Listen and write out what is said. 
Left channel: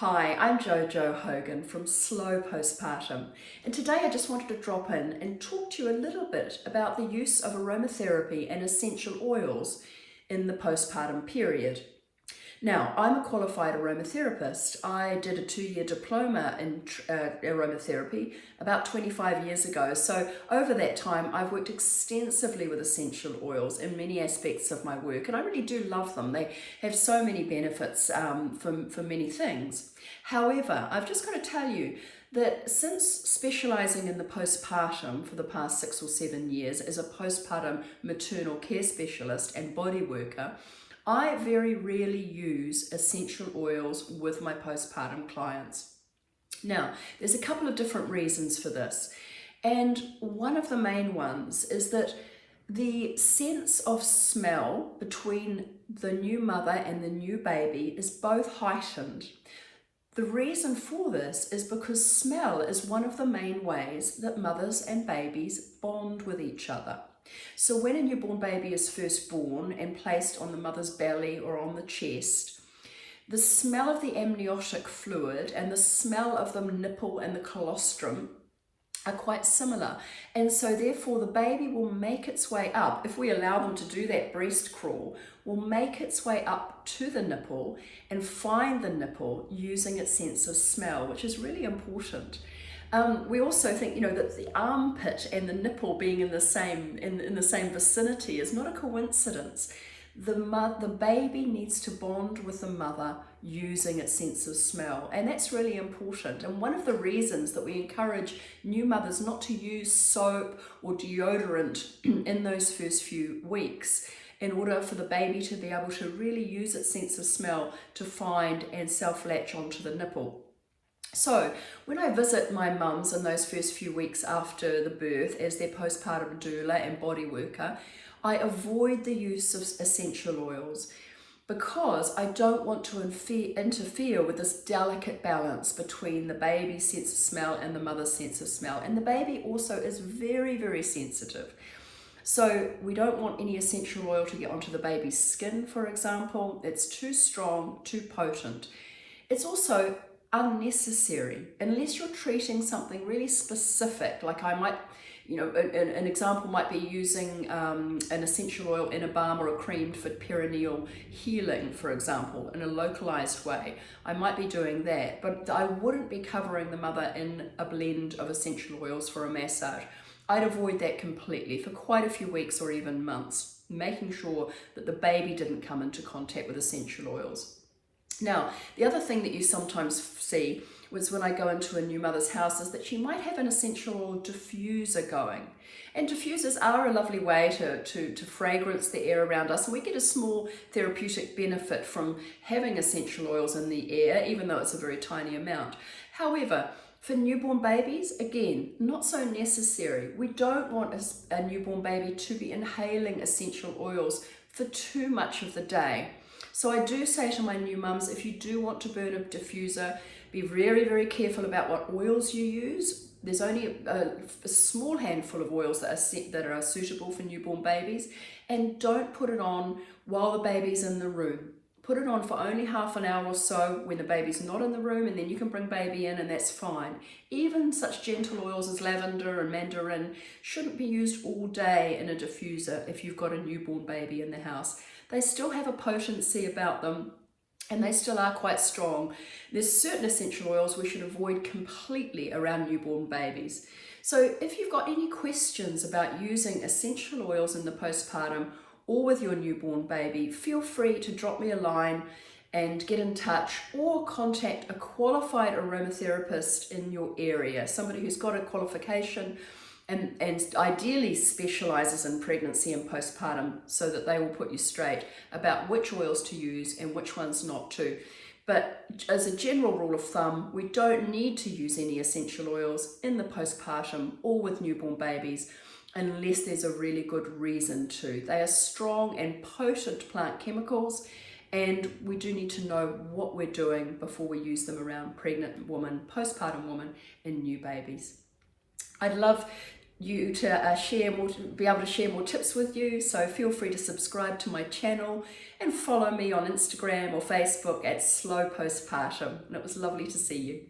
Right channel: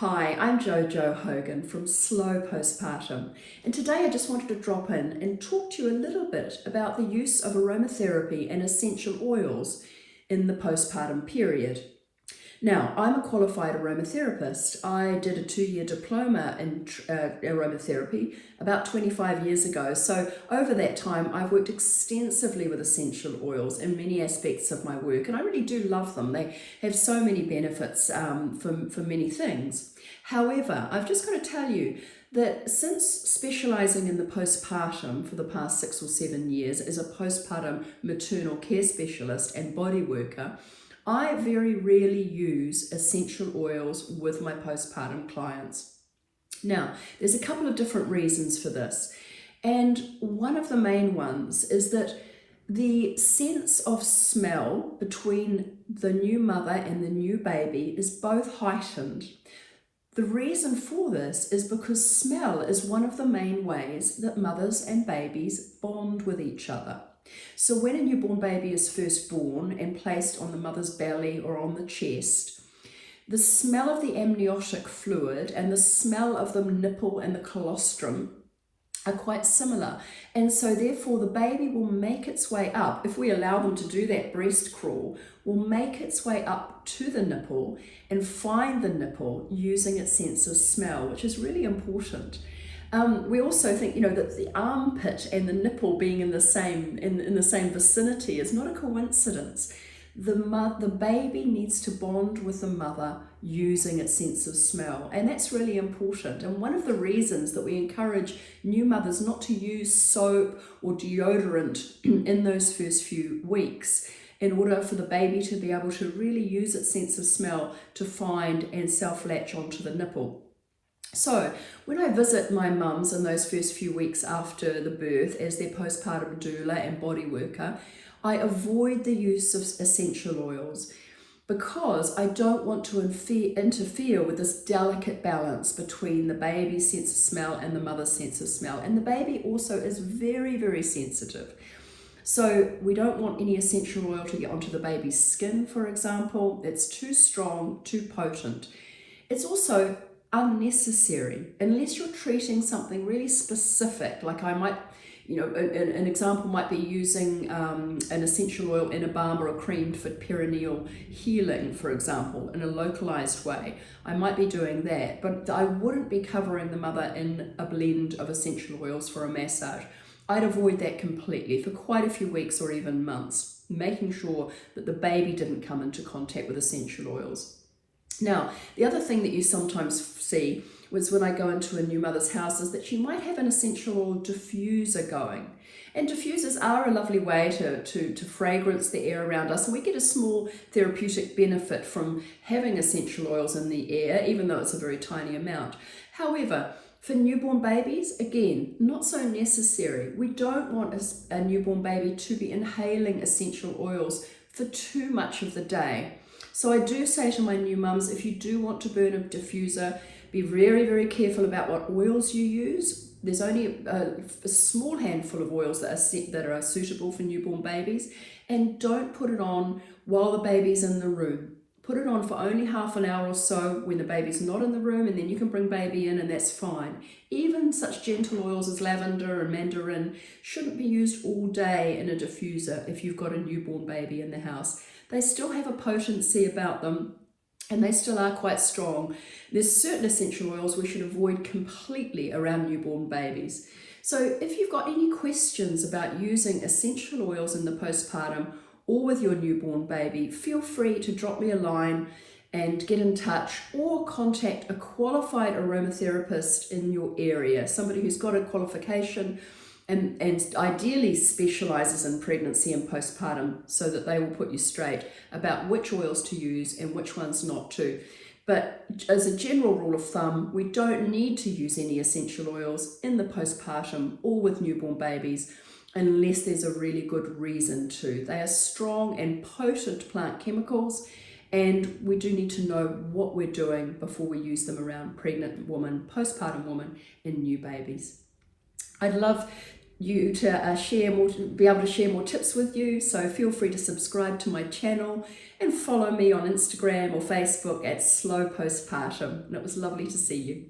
Hi, I'm Jojo Hogan from Slow Postpartum, and today I just wanted to drop in and talk to you a little bit about the use of aromatherapy and essential oils in the postpartum period. Now, I'm a qualified aromatherapist. I did a 2-year diploma in aromatherapy about 25 years ago. So over that time, I've worked extensively with essential oils in many aspects of my work, and I really do love them. They have so many benefits for many things. However, I've just got to tell you that since specialising in the postpartum for the past 6 or 7 years as a postpartum maternal care specialist and body worker, I very rarely use essential oils with my postpartum clients. Now, there's a couple of different reasons for this, and one of the main ones is that the sense of smell between the new mother and the new baby is both heightened. The reason for this is because smell is one of the main ways that mothers and babies bond with each other. So when a newborn baby is first born and placed on the mother's belly or on the chest, the smell of the amniotic fluid and the smell of the nipple and the colostrum are quite similar. And so therefore the baby will make its way up, if we allow them to do that breast crawl, will make its way up to the nipple and find the nipple using its sense of smell, which is really important. We also think, that the armpit and the nipple being in the same vicinity is not a coincidence. The baby needs to bond with the mother using its sense of smell, and that's really important. And one of the reasons that we encourage new mothers not to use soap or deodorant in those first few weeks, in order for the baby to be able to really use its sense of smell to find and self-latch onto the nipple. So when I visit my mums in those first few weeks after the birth as their postpartum doula and body worker, I avoid the use of essential oils because I don't want to interfere with this delicate balance between the baby's sense of smell and the mother's sense of smell. And the baby also is very, very sensitive. So we don't want any essential oil to get onto the baby's skin, for example. It's too strong, too potent. It's also unnecessary unless you're treating something really specific. Like I might, an example might be using an essential oil in a balm or a cream for perineal healing, for example, in a localized way. I might be doing that, but I wouldn't be covering the mother in a blend of essential oils for a massage. I'd avoid that completely for quite a few weeks or even months, making sure that the baby didn't come into contact with essential oils. Now, the other thing that you sometimes see was when I go into a new mother's house is that she might have an essential oil diffuser going. And diffusers are a lovely way to fragrance the air around us, and we get a small therapeutic benefit from having essential oils in the air, even though it's a very tiny amount. However, for newborn babies, again, not so necessary. We don't want a newborn baby to be inhaling essential oils for too much of the day. So I do say to my new mums, if you do want to burn a diffuser, be very, very careful about what oils you use. There's only a small handful of oils that are suitable for newborn babies, and don't put it on while the baby's in the room. Put it on for only half an hour or so when the baby's not in the room, and then you can bring baby in and that's fine. Even such gentle oils as lavender and mandarin shouldn't be used all day in a diffuser if you've got a newborn baby in the house. They still have a potency about them, and they still are quite strong. There's certain essential oils we should avoid completely around newborn babies. So if you've got any questions about using essential oils in the postpartum or with your newborn baby, feel free to drop me a line and get in touch, or contact a qualified aromatherapist in your area, somebody who's got a qualification and ideally specializes in pregnancy and postpartum, so that they will put you straight about which oils to use and which ones not to. But as a general rule of thumb, we don't need to use any essential oils in the postpartum or with newborn babies unless there's a really good reason to. They are strong and potent plant chemicals, and we do need to know what we're doing before we use them around pregnant women, postpartum women, and new babies. I'd love you to share more, be able to share more tips with you. So feel free to subscribe to my channel and follow me on Instagram or Facebook at Slow Postpartum. And it was lovely to see you.